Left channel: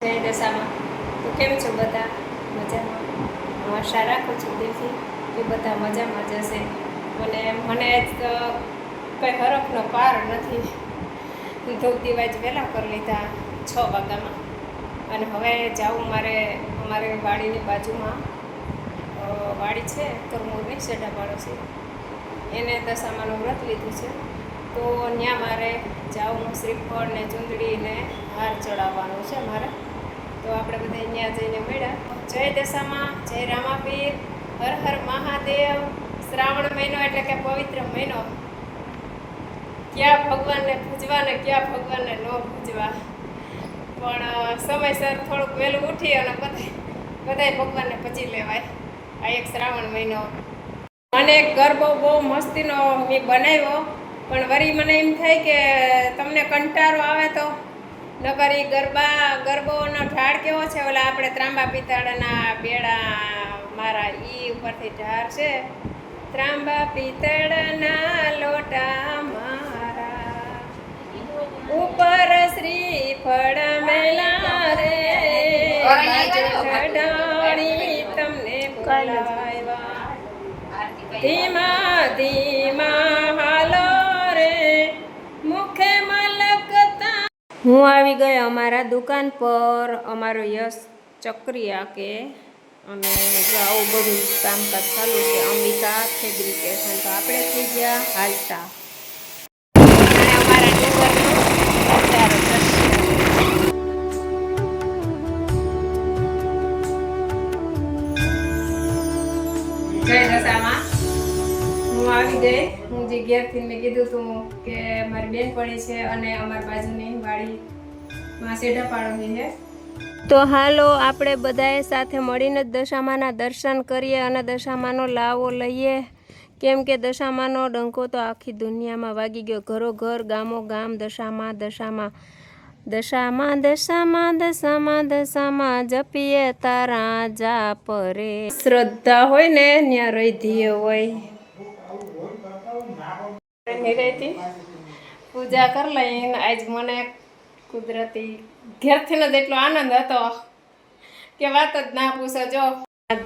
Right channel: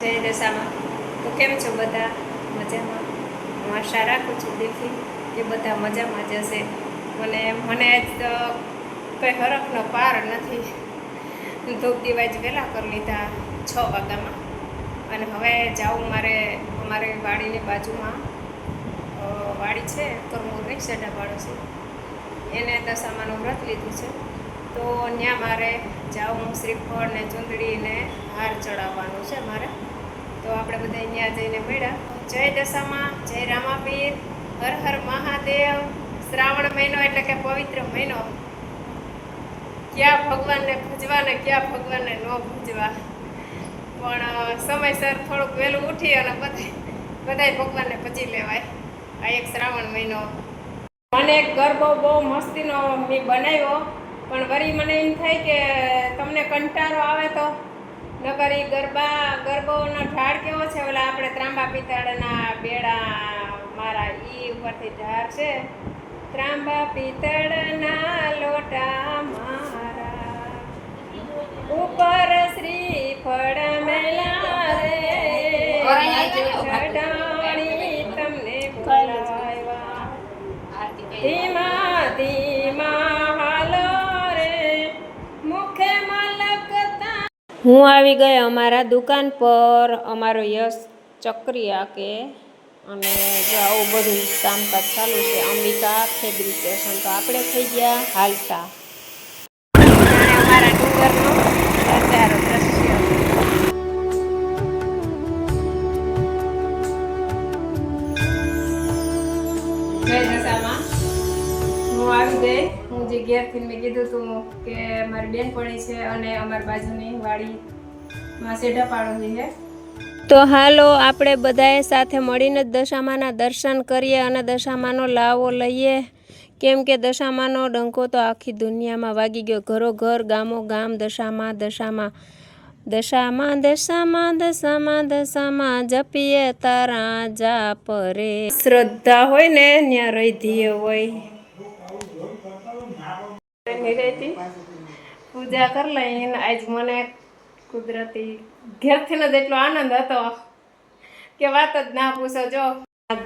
જય દશામાં. તો કેમ છો બધા? મજામાં? હું આશા રાખું છું દિલથી કે બધા મજામાં જ હશે. મને જ કંઈ હરખનો પાર નથી. ધૂપ દીવા જ વહેલા કરી લીધા 6 વાગ્યામાં. અને હવે જાઉં અમારે વાડીની બાજુમાં વાડી છે તરમૂળની સેઢા પાડોશી એને દશામાનું વ્રત લીધું છે. તો ત્યાં મારે જાઉં શ્રીફળ ને ચૂંદડી ને હાર ચડાવવાનું છે મારે. તો આપણે બધા ત્યાં જઈને મળ્યા. જય દશામાં, જય રામાપીર, હર હર મહાદેવ. શ્રાવણ મહિનો એટલે કે પવિત્ર મહિનો. ક્યાં ભગવાનને પૂજવા ને ક્યાં ભગવાનને ન પૂજવા, પણ સમયસર થોડુંક વહેલું ઉઠી અને બધાય ભગવાનને પૂજી લેવાય. આ એક શ્રાવણ મહિનો. મને ગરબો બહુ મસ્તીનો મેં બનાવ્યો, પણ વળી મને એમ થાય કે તમને કંટાળો આવે તો નકર એ ગરબોનો ઢાળ કેવો છે, ઓલા આપણે ત્રાંબા પિત્તળના બેડા મારા ઈ ઉપરથી ઢાળ છે. ત્રાંબા પિત્તળના લોટા મારા ઉપર શ્રીફળ મેલા રે, ચઢાણી તમને બોલાવ્યા. ધીમા ધીમા હાલો રે, મુખે મલકતા. હું આવી ગઈ અમારા દુકાન પર. અમારો યશ ચક્રિયા કે અને જો આવું બધું કામકાજ ચાલુ છે. અંબિકા ફેબ્રિકેશન. તો આપણે થઈ ગયા હાલતા. અમારા ડુંગરનો નજારો દ્રશ્ય. જય દશામાં. હું આવી ગઈ. હું જે ઘેરથી મેં કીધું હતું કે મારી બેનપણી છે અને અમારી બાજુની વાડીમાં સેઢા પાડોશી છે. તો હાલો આપણે બધાએ સાથે મળીને દશામાના દર્શન કરીએ અને દશામાનો લાવો લઈએ. કેમ કે દશામાનો ડંકો તો આખી દુનિયામાં વાગી ગયો. ઘરો ઘર, ગામો ગામ દશામાં દશામાં દશામાં દશામાં દશામાં દશામાં જપીએ તારા જાપ રે. શ્રદ્ધા હોય ને ત્યાં રહીધીએ હોય. પૂજા કરી લઈને આજ મને કુદરતી ઘેરથી જ એટલો આનંદ હતો કે વાત જ ના પૂછો. જો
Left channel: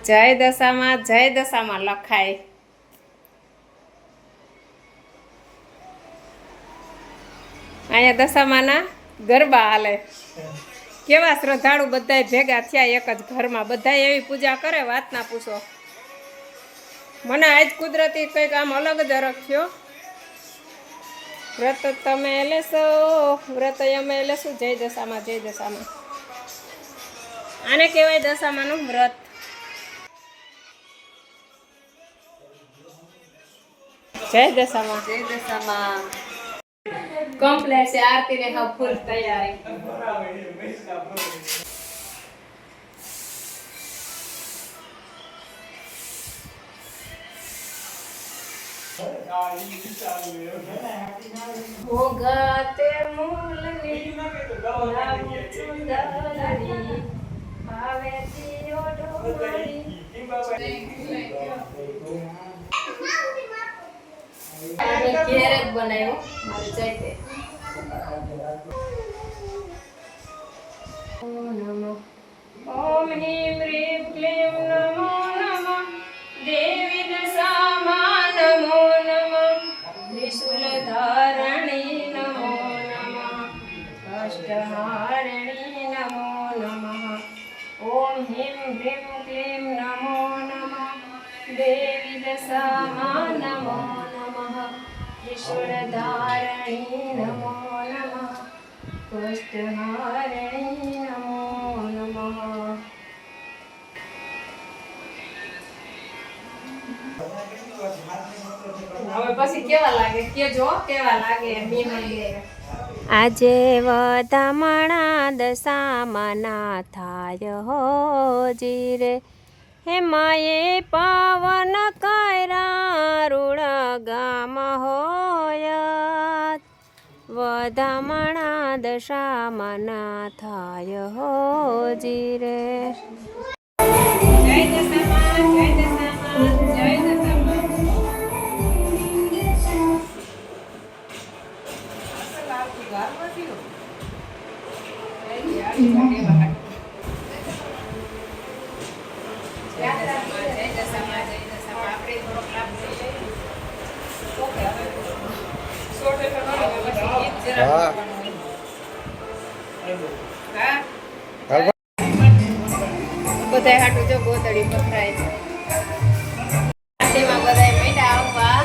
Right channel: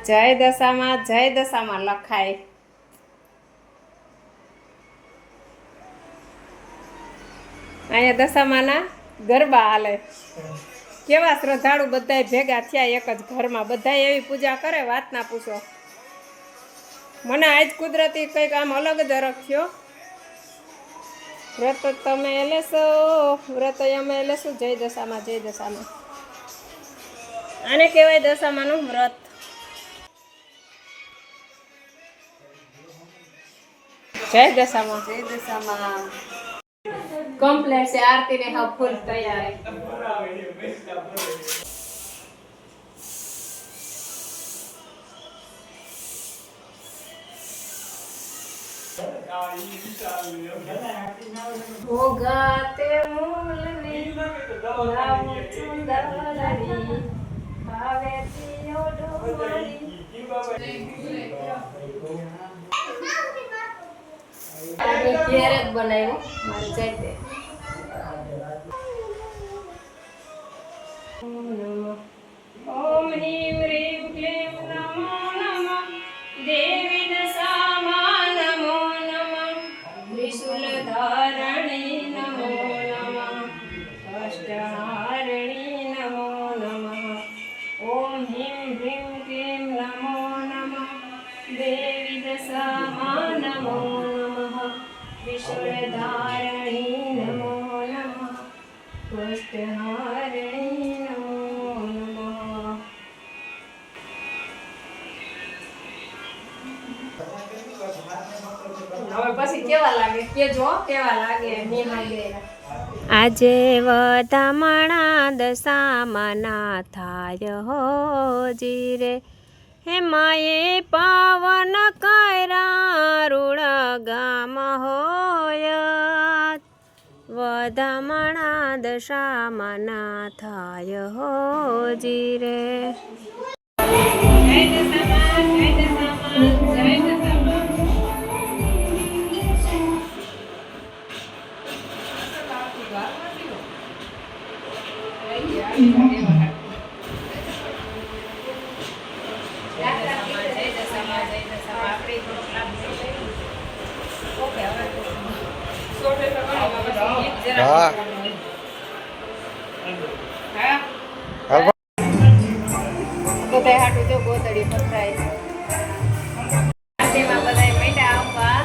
જય દશામાં લખાય. અહીંયા દશામાના ગરબા હાલે. કેવા શ્રદ્ધાળુ બધાય ભેગા થયા એક જ ઘરમાં. બધાય એવી પૂજા કરે વાત ના પૂછો. મને આજ કુદરતી કંઈક આમ અલગ જ અરગ થયો. વ્રત તમે લેશો, વ્રત અમે લેશું. જય દશામાં, જય દશામાં. આને કહેવાય દશામાનું વ્રત. જય દશામાં, જય દશામાં. કમ્પ્લેટ છે. આરતી ને હા ફૂલ તૈયારી. ભોગાતે મૂલની લાવું ચુંદરી, ભાવેથી ઓઢવાડી. આની ઘેર જ બનાવ્યો મારી જાતે. ઓમ હ્રીમ હ્રીમ ક્લીમ નમો નમઃ. દેવી દશામાં નમો નમઃ. ત્રિશૂલ ધારણી નમો નમઃ. અષ્ટહારિણી નમો નમઃ. ઓમ હ્રીમ હ્રીમ ક્લીમ નમો નમઃ. દેવી દશામાં નમો નમઃ. ત્રિશૂલ ધારણી નમો નમઃ. અષ્ટહારિણી નમો નમઃ. હવે પછી કેવા લાગે કેજો, કેવા લાગે નિહાળે. આજે વધામણા દશામાના થાય હોજી રે. હે માએ પાવન કર્યા રૂળ ગામ હોય. વધામણા દશામાના થાય હોજી રે. જય દશામાં, જય દશામાં, જય દશામાં. Yeah. હા હા બધાય હાટું જો ગોદડી પથરાય આંટીમાં બધાય મીઠા આવવા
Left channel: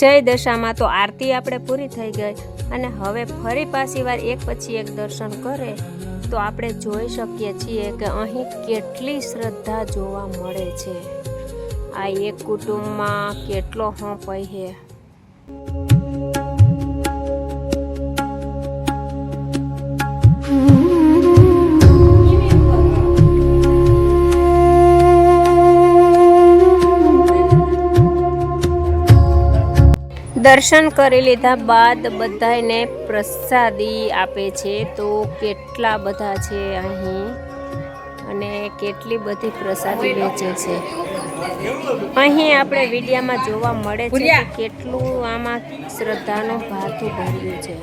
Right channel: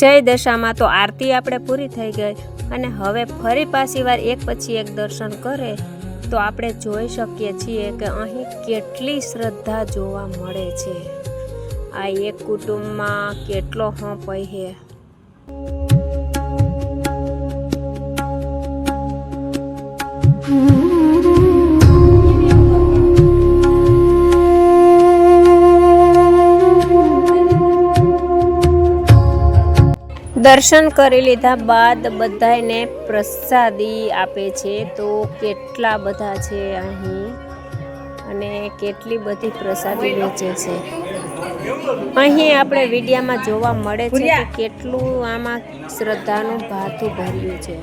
જય દશામાં તો આરતી આપણે પૂરી થઈ ગઈ અને હવે ફરી પાછી વાર એક પછી એક દર્શન કરે તો આપણે જોઈ શકીએ છીએ કે અહીં કેટલી શ્રદ્ધા જોવા મળે છે. આ એક કુટુંબમાં કેટલો હોંપય છે. દર્શન કરી લીધા બાદ બધાને પ્રસાદી આપે છે. તો કેટલા બધા છે અહીં અને કેટલી બધી પ્રસાદી વેચે છે. અહીં આપણે વિડીયામાં જોવા મળે છે કે કેટલું આમાં શ્રદ્ધાનું ભાથું ભર્યું છે.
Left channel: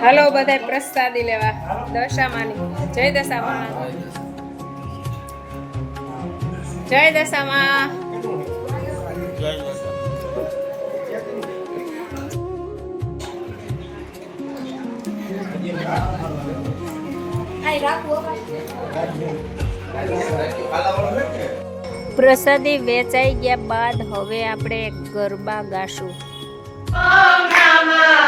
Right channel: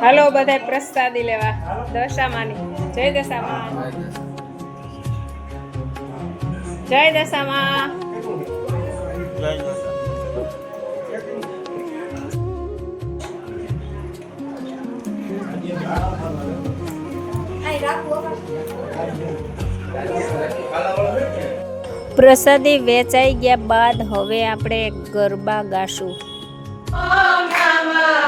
હાલો બધા પ્રસાદી લેવા દશામાની. જય દશામાં, જય દશામાં. પ્રસાદી વેચાઈ ગયા બાદ હવે આપણે ગરબા ગાશું. ઓમ નમઃ